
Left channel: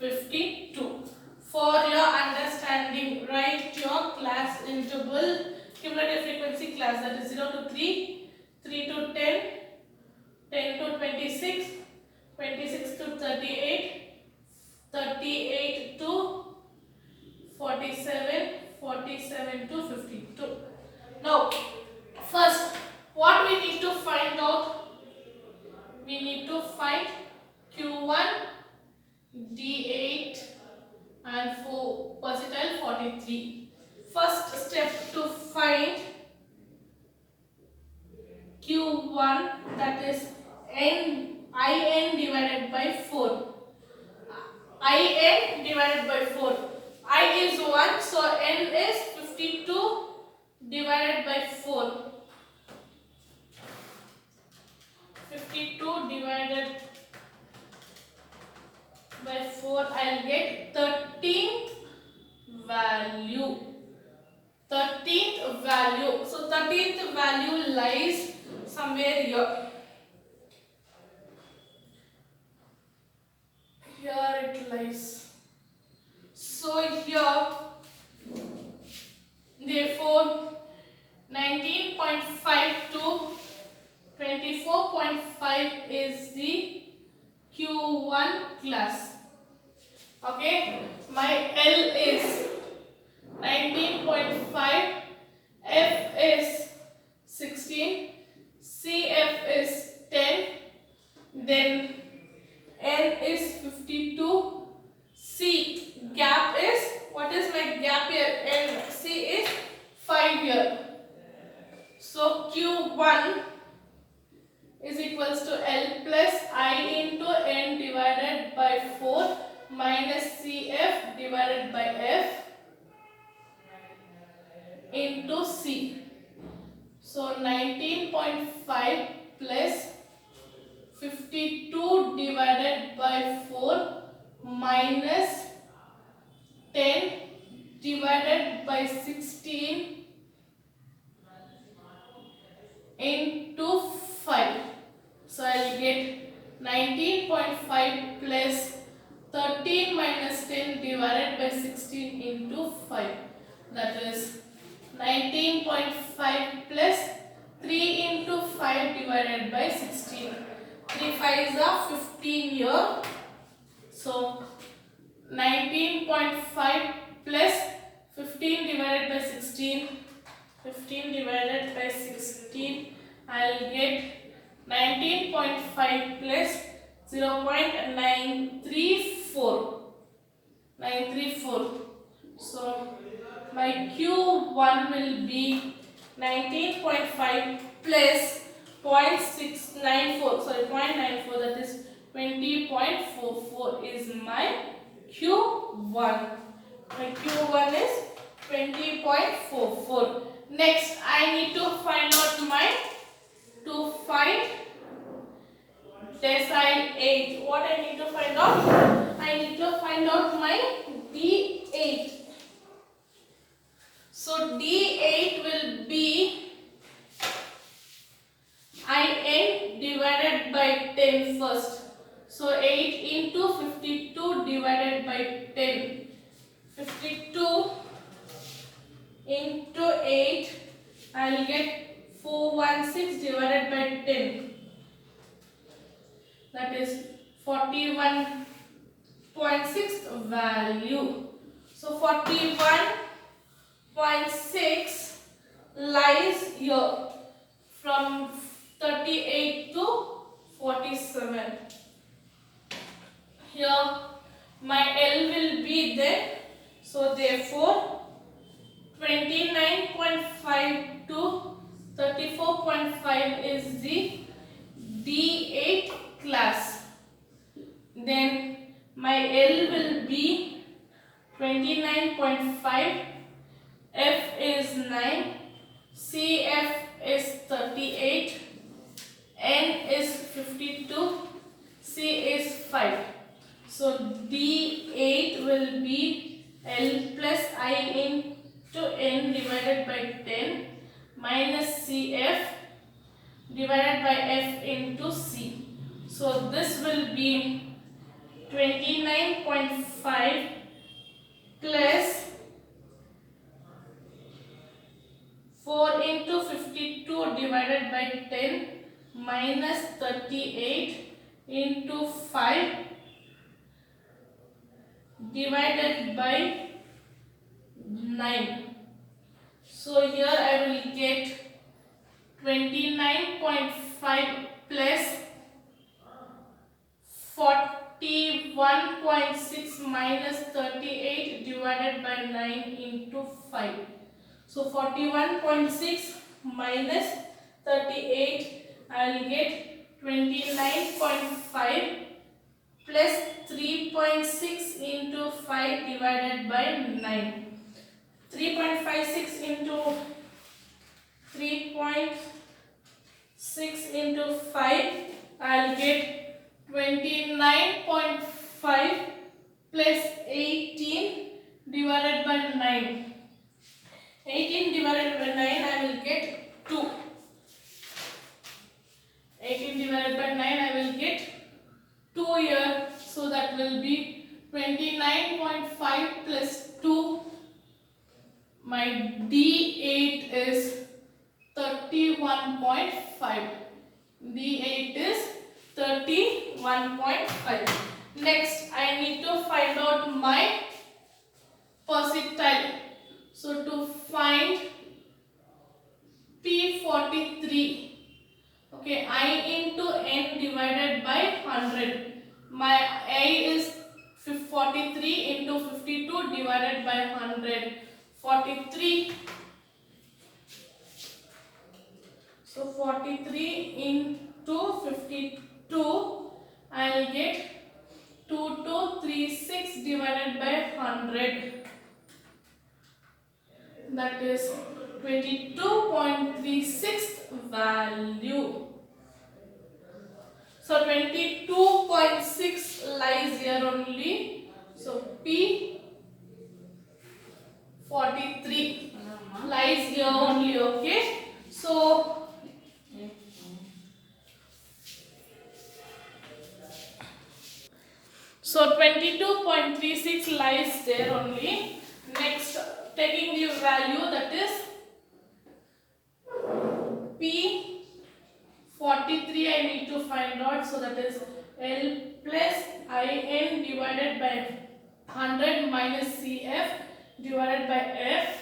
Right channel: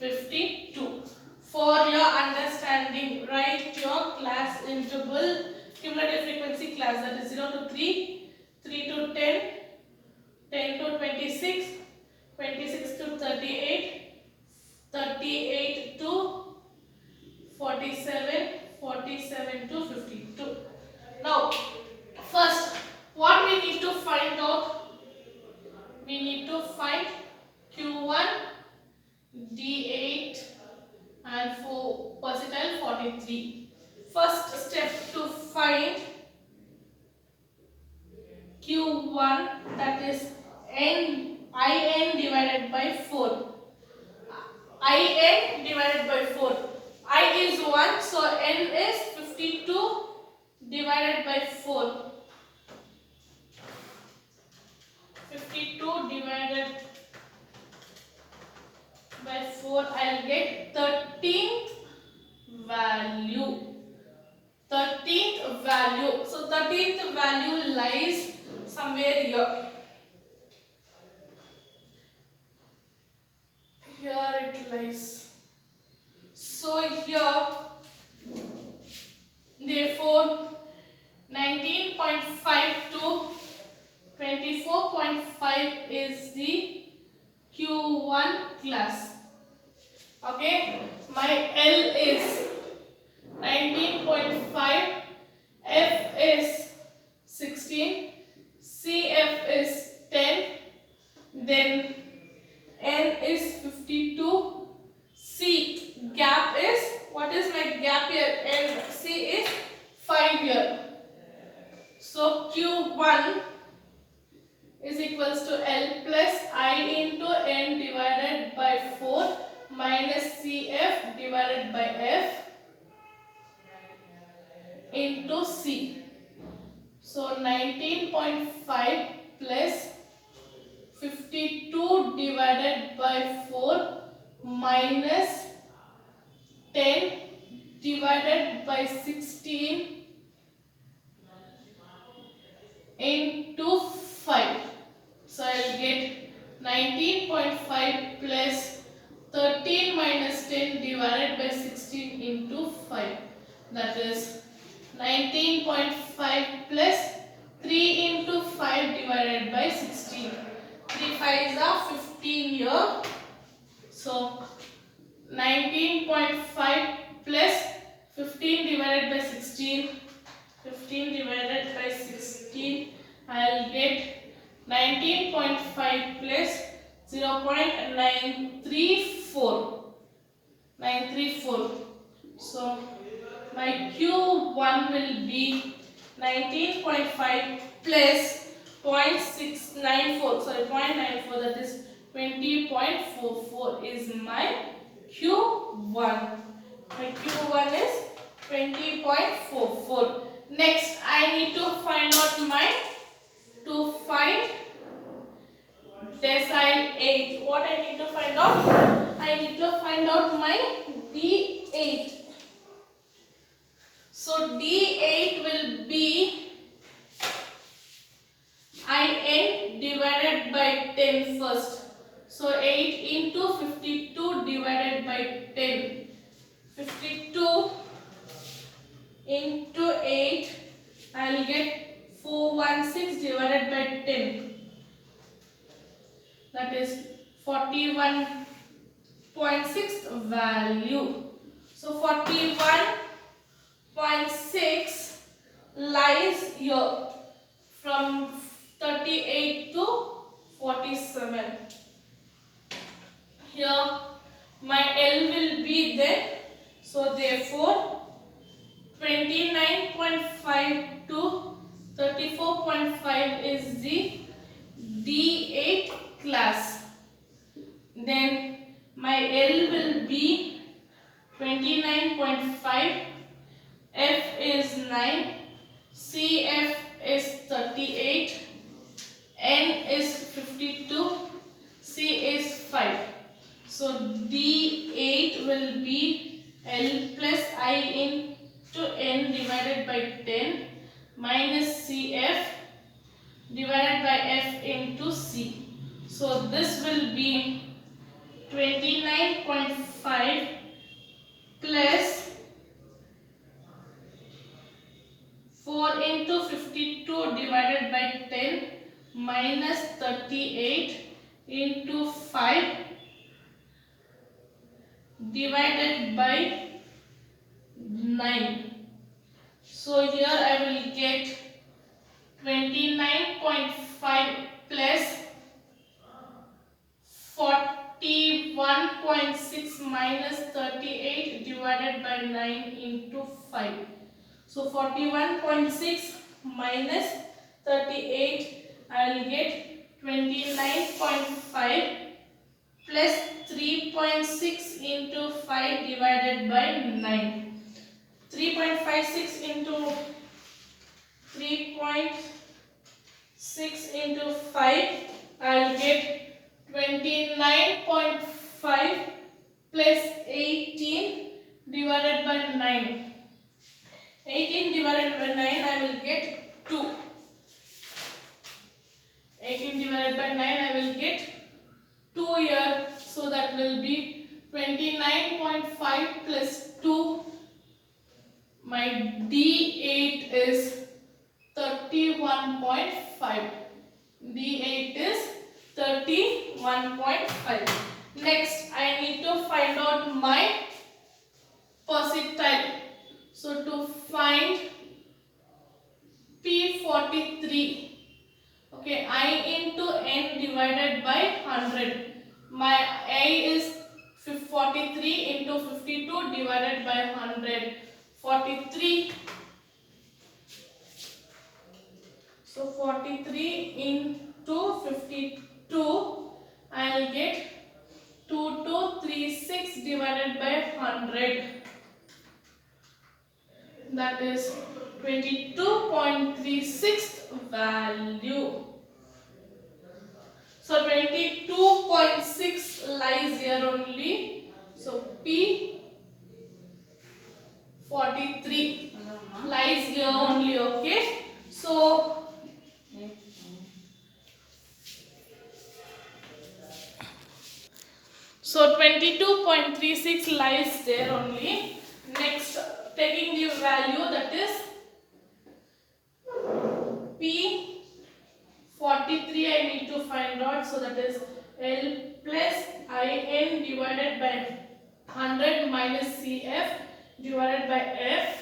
52. For your understanding, write your class interval cumulative frequency class, that is 0 to 3, 3 to 10, 10 to 26, 26 to 38, 38 to 47, 47 to 52. Now, first, what we need to find out? We need to find Q1, D8 and for percentile 43. First step to find Q1, that is IN divided by 4. IN divided by 4. I is ones, So n is 52 divided by 4. 52 divided by 4, I'll get 13th value. 13th value. So 13th value lies somewhere here. Here it lies. So here, therefore, 19.5 to 24.5 is the Q1 class. Okay, my L is 19.5, F is 16, CF is 10, then N is 52, C gap is, what is my gap here? N, C is 5 here. So Q1 is equals to L plus I into N divided by 4 minus CF divided by F into C. So 19.5 plus 52 divided by 4 minus 10 divided by 16 into 5. So I'll get 19.5 plus 13 minus 10 divided by 16 into 5. That is 19.5 plus 3 into 5 divided by 16. 3 5s are 15 here. So 19.5 plus 15 divided by 16. 15 divided by 16, I'll get 19.5 plus 0.934. 934. So my Q1 will be 19.5 plus 0.694. Sorry, 0.94. That is 20.44 is my Q1. My Q1 is 20.44. Next, I need to find out decile 8. What I need to find out? I need to find out my D8. So D8 will be IN divided by 10 first. So 8 into 52 divided by 10. 52 into 8, I will get 416 divided by 10. That is 41.6 value. So 41.6 lies here from 38 to 47. Here my L will be there. So therefore 29.5 to 34.5 is the D8 class. Then my L will be 29.5, F is 9, CF is 38, N is 52, C is 5. So D8 will be L plus I into N divided by 10 minus CF divided by F into C. So this will be 29.5 plus 4 into 52 divided by 10 minus 38 into 5 divided by 9. So here I will get 29.5 plus 41.6 minus 38 divided by 9 into 5. So 41.6 minus 38, I will get 29.5 plus 3.6 into 5 divided by 9. 9. 18 divided by 9, I will get 2. 18 divided by 9, I will get 2 here. So that will be 29.5 plus 2. My D8 is 31.5. D8 is 31.5. Next, I need to find out my percentile. So to find P43, okay, I into N divided by 100. My A is 43 into 52 divided by 100. 43. So 43 into 52, I will get 2236 divided by 100. That is 22.36 value. So 22.6 lies here only. So P43 lies here only. Okay. So 22.36 lies there only. Next, taking the value, that is P43 I need to find out. So that is L plus IN divided by 100 minus CF divided by F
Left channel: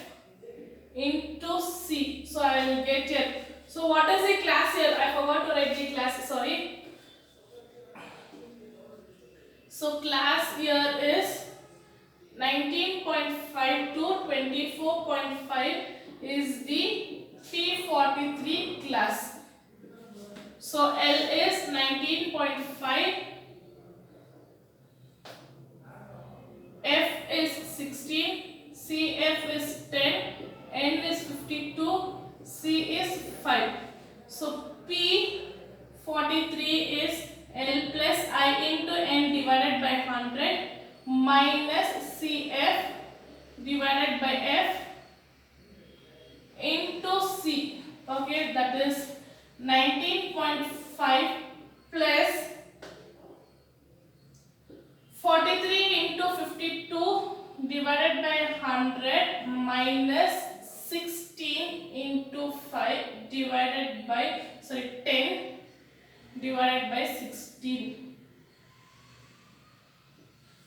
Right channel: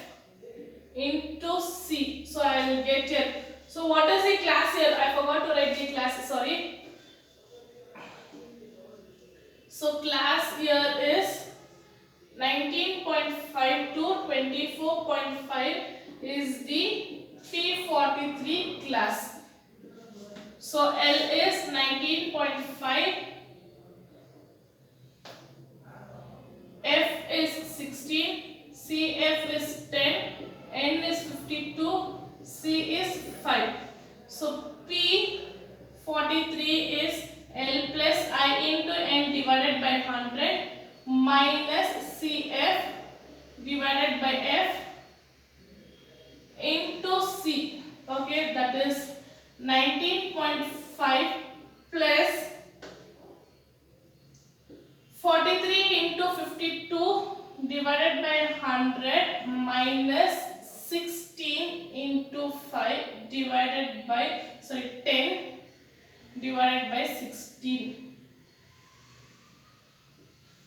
into C. So I will get here. So what is the class here? I forgot to write the class, sorry. So class here is 19.5 to 24.5 is the P43 class. So L is 19.5, F is 16, CF is 10, N is 52, C is 5. So P43 is L plus I into N divided by 100 minus CF divided by F into C. Okay, that is 19.5 plus 43 into 52 divided by 100 minus 16 into 5 divided by 10 divided by 16.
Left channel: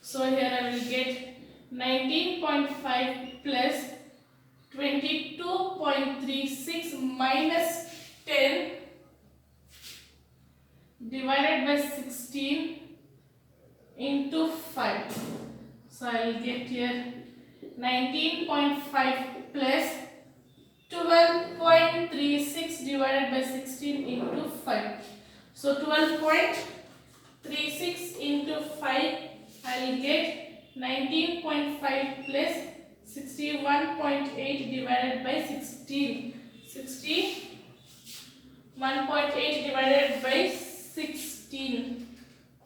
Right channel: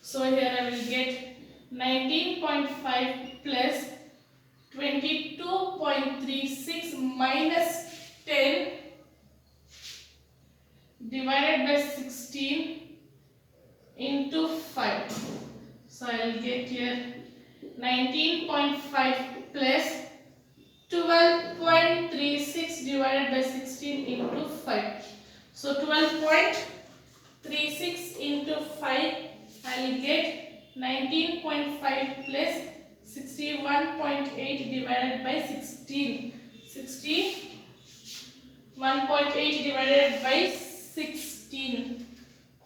So here I will get 19.5 plus 22.36 minus 10 divided by 16 into 5. So I will get here 19.5 plus 12.36 divided by 16 into 5. So 12.36 into 5, I will get 19.5 plus 61.8 divided by 16. 61.8 divided by 16.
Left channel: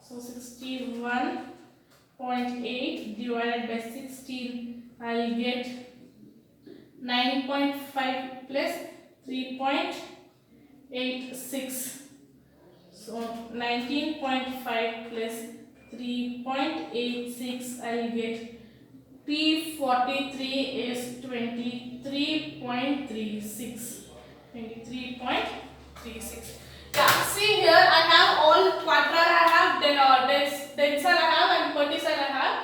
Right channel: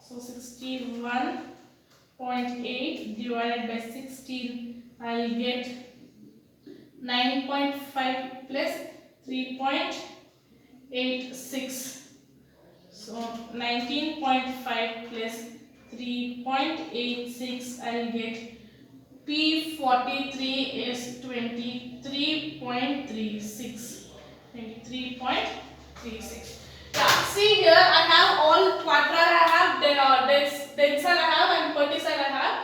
So 61.8 divided by 16, I will get 9.5 plus 3.86. So 19.5 plus 3.86, I will get P43 is 23.36. 23.36. Yeah, see here I have all quadrile I have, densile I have and percentile I have.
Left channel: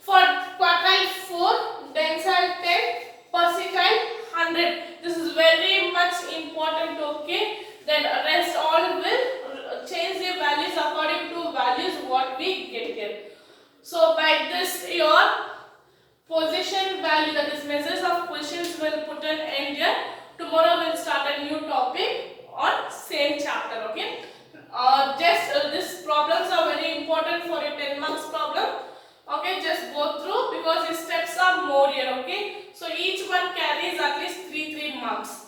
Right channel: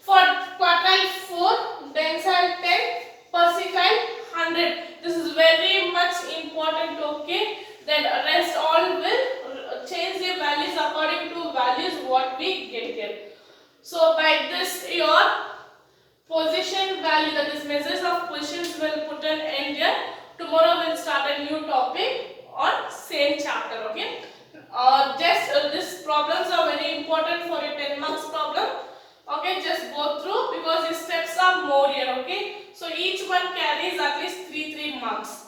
For quadrile 4, densile 10, percentile 100. This is very much important, okay? Then rest all will change the values according to values what we get here. So by this your position value, that is measures of positions, will put an end here. Tomorrow we'll start a new topic on same chapter, okay? These problems are very important for a 10 marks problem. Okay, just go through because the steps are more here, okay? So each one carries at least 3 marks.